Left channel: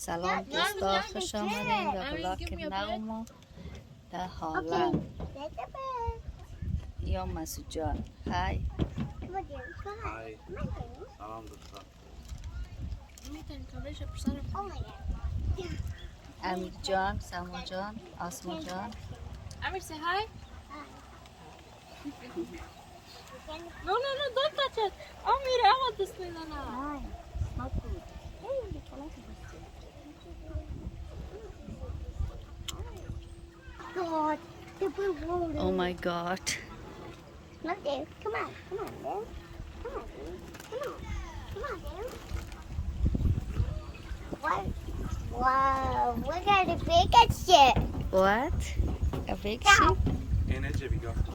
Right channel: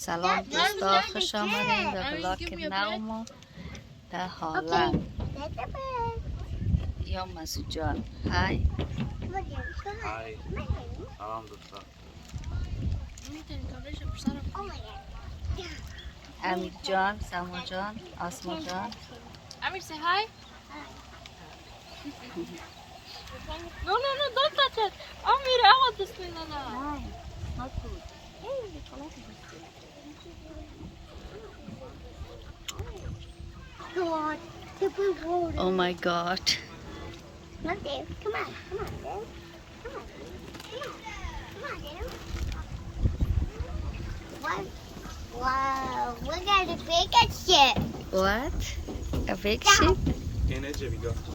سلام دوستا، خوش آمدین به بلاک نوما در هالند. یا مسعود جان های. های سلام دوستا. امیر جان، سما جان، آسما جان. Amir, say hi. No, no, no, don't touch it. Amir, I want this banana. No, not good. Oh my god. Come on, Dave. Come on. Come on, Dave. Come on, Dave. Come on, Dave. What? Wow, look at the big shit. What? A big ship? اینه چه میگفت؟